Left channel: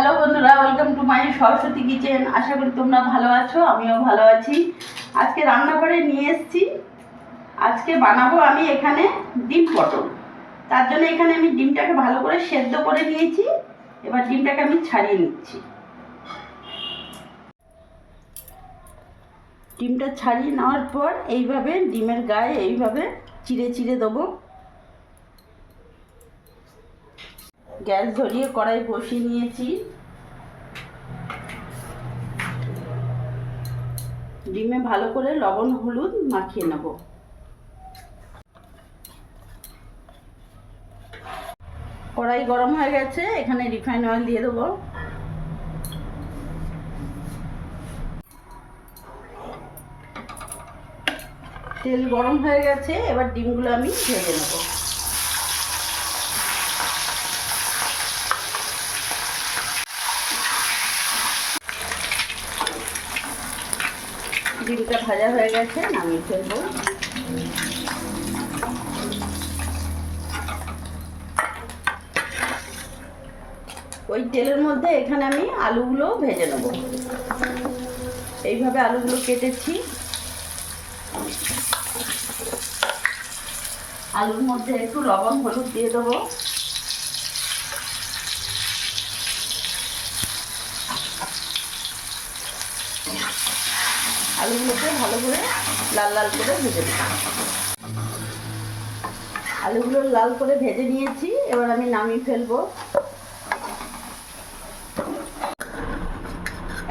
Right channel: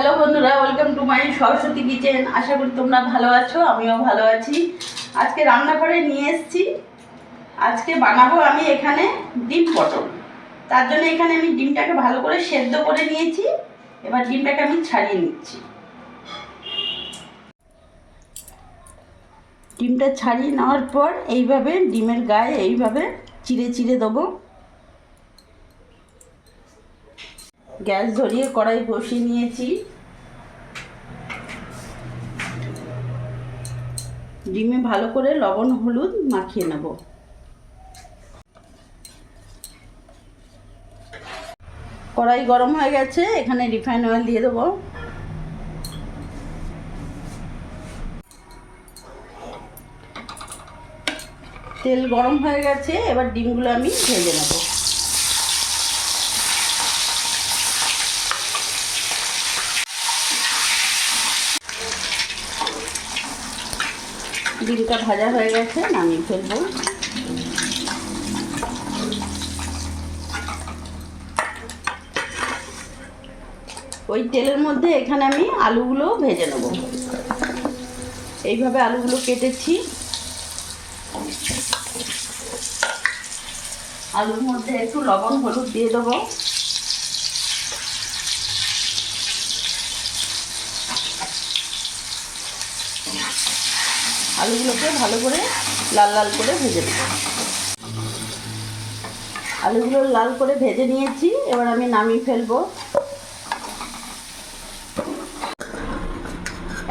Hello বন্ধুরা, welcome to my Saraswati kitchen. আশা করি তোমরা ভালো আছো, আমিও ভালো আছি। আজকে রান্নাঘরে নিয়ে এসেছি, আজকে বানাবো আমি এখানে ডিম পটল। তার জন্য এখানে আমি ডিমটাকে ভালো করে সেদ্ধ করে নিয়েছি। এবার ডিমটাকে আমি ছাড়িয়ে নিচ্ছি। ডিমটা ছাড়িয়ে নেওয়ার পর এইভাবে ডিমের গায়ে এইভাবে চিড়ে চিড়ে দেবো। গ্যাস ধরিয়ে কড়াই বসিয়ে নিয়েছি। ডিমে ভালো করে লবণ হলুদ মাখিয়ে নেব। কড়াই গরম হয়ে গেছে, এখানে রিফাইন অয়েল দিয়ে দেবো। তেল গরম হয়ে গেছে, এবার ডিমগুলো আমি ভেজে নেব। ডিমটা ভাজা হয়ে গেছে, নামিয়ে ফেলবো। ওই তেলের মধ্যে এখানে আমি আলুগুলো ভেজে নেব। এইভাবে আলুগুলো কেটেছি। আলুর মধ্যে একটু লবণ হলুদ দিয়ে দেবো। আলুগুলোকে ভালো করে লাল লাল করে ভেজে নেব। আলুগুলো লাল করে ভেজে নিয়েছি, এবার আমি নামিয়ে ফেলবো।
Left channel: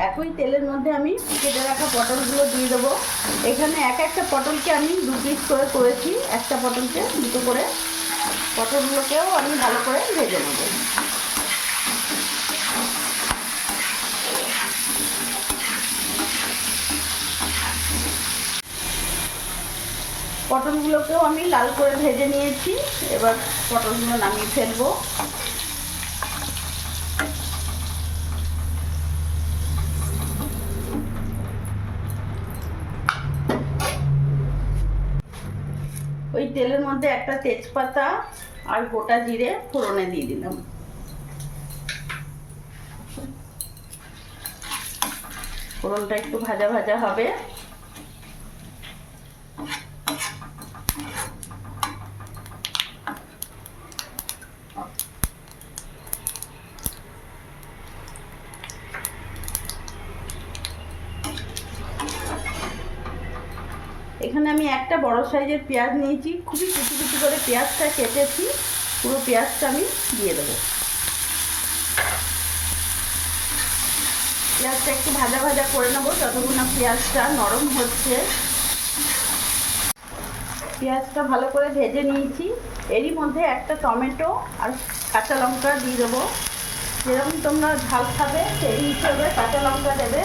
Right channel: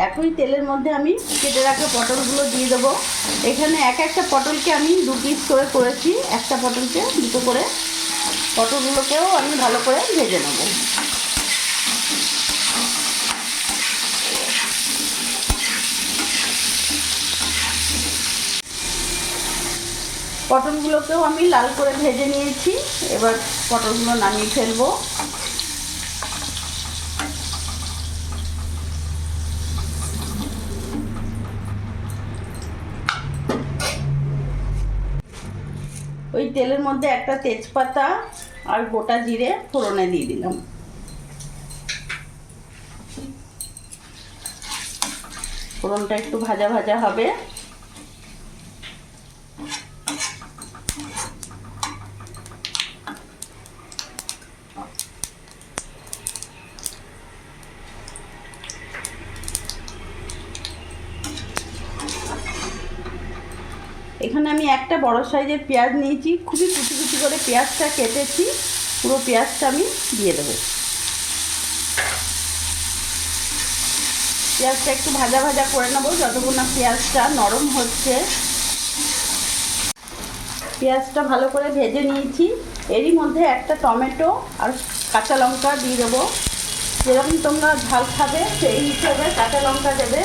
একই তেলের মধ্যে আমি কেটে রাখা পটলগুলো দিয়ে দেবো। এখানে একটা পটলকে আমি 2 পিস করে করেছি, একটা পটলকে 2টো করে। পটলগুলোকেও আমি ভালো করে ভেজে নেব। পটলগুলোকেও আমি লাল করে ভেজে নিয়েছি, এবার পটলগুলো নামিয়ে ফেলবো। ওই তেলের মধ্যে একটা তেজপাতা আর গোটা জিরে ফোড়নে দিয়ে দিলাম। ফোড়নটা একটু ভাজা ভাজা হবে। এখানে আমি একটা বড় সাইজের পেঁয়াজ নিয়েছি, খুবই কুচি কুচি করে পেঁয়াজটা কেটেছি। পুরো পেঁয়াজটা আমি দিয়ে দেবো। পেঁয়াজটা একটু ভাজা ভাজা করে নেবো যতক্ষণ না পেঁয়াজটা নরম হচ্ছে। পেঁয়াজটা ভালো করে ভেজে নিয়েছি। এরই মধ্যে একটা টমেটো আর কাঁচা লঙ্কা দিয়ে দেবো। যেরকম তোমরা ঝাল খাবে সেই হিসেবে কাঁচা লঙ্কা দেবে।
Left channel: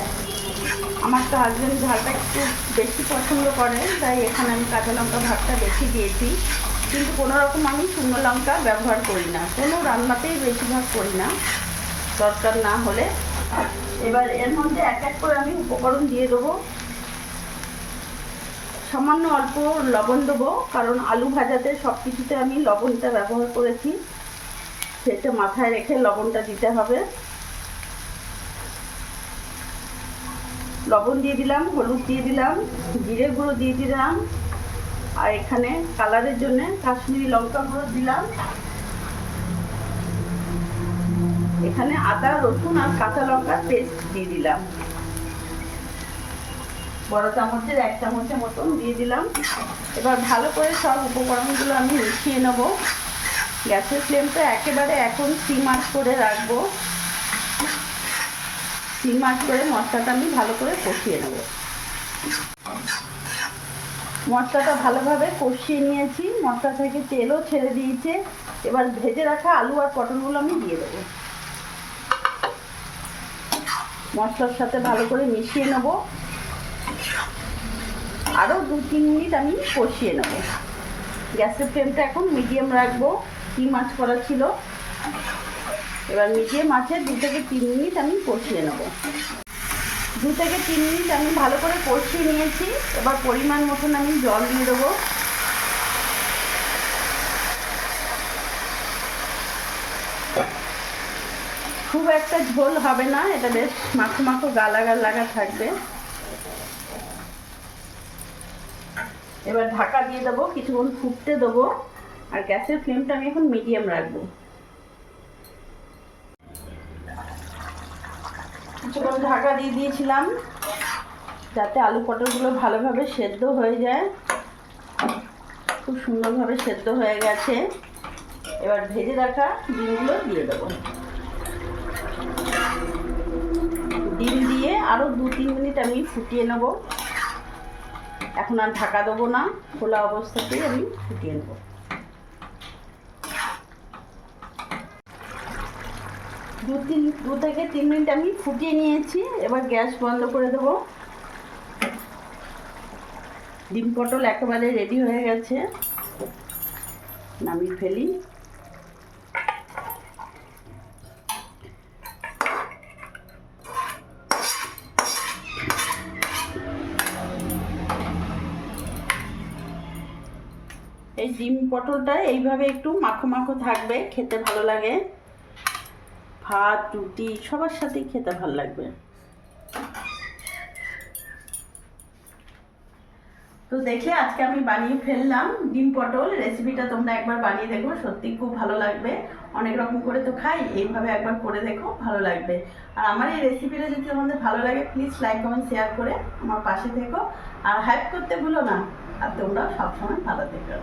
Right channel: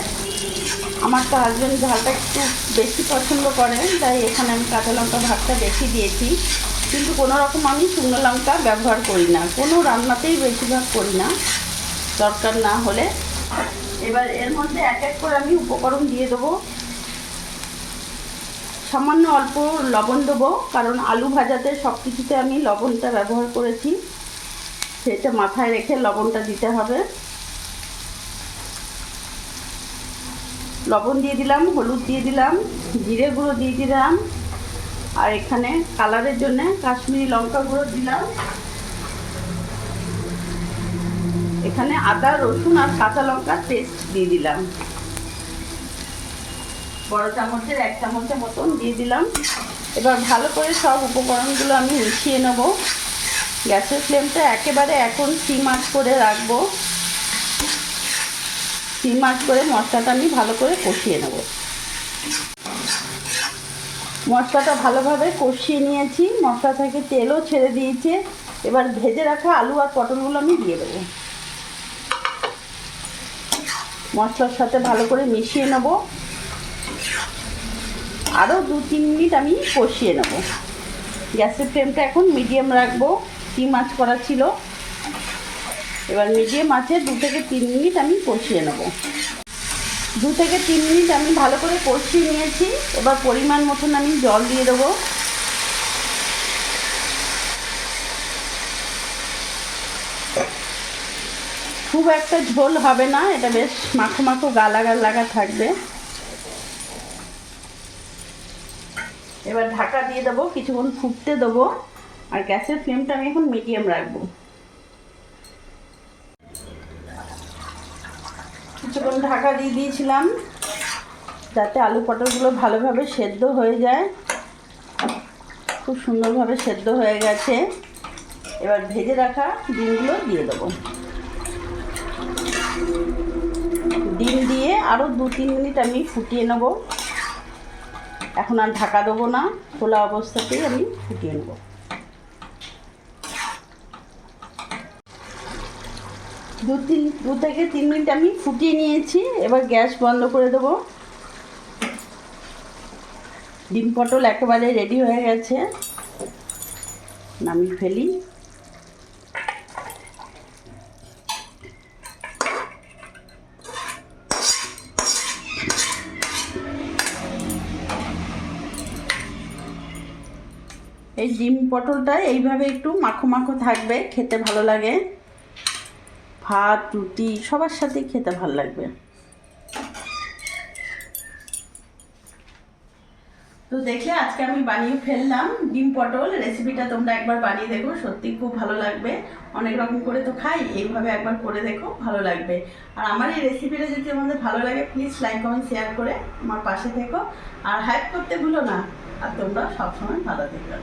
আমার তো হাজব্যান্ড ঝালটা একটু বেশি পছন্দ করেন, তাই এখানে আমি কাঁচা লঙ্কা ভাগটা বেশি দিয়েছি। কিন্তু কোনো রকম আমি শুকনো লঙ্কা ব্যবহার করি না, কোনো রান্নাতেই বেশিরভাগ করি না দরকার না হলে। এবার এর মধ্যে এক করে আমি উপকরণ দিয়ে দেবো। সামান্য অল্প লবণ দেবো, কারণ আলু ভাজাতে সব কিছুতে আমি লবণটা ব্যবহার করেছি, সেটা মাথায় রেখে লবণটা দিতে হবে। লবণ দিয়ে দিলাম, হলুদ দিয়ে দিলাম, জিরে গুঁড়ো দিয়ে দিলাম, আর এখানে কালারের জন্য কাশ্মীরি লঙ্কা গুঁড়ো দিলাম। এখানে আদা রসুন আর কাঁচা লঙ্কার পেস্ট দিয়ে দিলাম। বড় চামচের 1 চামচের মতন দিয়ে দিলাম। এবার ভালো করে সব উপকরণগুলো আমি মিশিয়ে নেব। গ্যাসের ফ্লেমটা একেবারে এখন সিম আঁচ করে রাখবো। সিম আঁচ করে মশলাটা আমি ভালো করে কষিয়ে নেব। মশলাটা ভালোভাবে কষিয়ে নিয়েছি, মশলা থেকে তেলও ছেড়ে দিয়েছে। এবার ভেজে রাখা আলু আর পটলগুলো আমি দিয়ে দেবো। মশলার সাথে ভালো করে মিশিয়ে নেব। আরও 2-3 মিনিট আমি কষিয়ে নেব। গ্যাসের ফ্লেমটা এখন মিডিয়াম রাখবো, সিম আঁচ করা ছিল। এবার মিডিয়াম আঁচে 2 থেকে 3 মিনিট আমি কষিয়ে নেব। 2 থেকে 3 মিনিট আমি ভালো করে কষিয়ে নিয়েছি। এবার পরিমাণ মতন আমি জল দিয়ে দেবো। খুব একটা ঝোল হবে না, এটা বেশ মাখো মাখো লাগা লাগা থাকবে। এবার ঢাকা দিয়ে দেবো, কিছুক্ষণ ফুটতে দেবো। আর গ্যাসের ফ্লেমটা আমি এখন মিডিয়াম রাখবো। কিছুক্ষণ ঢাকা দিয়ে দিয়েছিলাম যাতে আলু পটলগুলো ভালোভাবে সেদ্ধ হয়ে যায়। খুব সুন্দরভাবে সেদ্ধ হয়ে গেছে। এবার ভেজে রাখা ডিমগুলো দিয়ে দেবো। ডিম দিয়ে আরও 2-3 মিনিট আমি ফুটিয়ে নেব। এখন আর ঢাকা দেবো না, খোলা অবস্থাতেই আমি ফুটিয়ে নেব। 2 থেকে 3 মিনিট আমি ফুটিয়ে নিয়েছি। এবার গ্যাস বন্ধ করে দেবো। ডিম পটল একেবারে রেডি হয়ে গেছে, নামিয়ে ফেলি। এই ডিম পটলটা এইভাবে একটু মাখো মাখো থাকবে, খেতে ভালো লাগে। ভাত রুটি সবার সাথেই খেতে ভালো লাগবে। তো দেখলে আজকে আমি বানিয়ে ফেললাম ডিম পটল। রেসিপিটা তোমরা একবার বানিয়ে দেখো, সত্যি খুব ভালো লাগবে। অনেক রকম করে তো খাই, এইভাবে একবার করে দেখো, ভালো লাগবে। আর আমার এই রেসিপিটা যদি তোমাদের ভালো লাগে প্লিজ লাইক কমেন্ট শেয়ার করে আমার পাশে থেকো। আর হেল্প করতে ভুলো না। আর তোমরা সবসময় ভালো থেকো।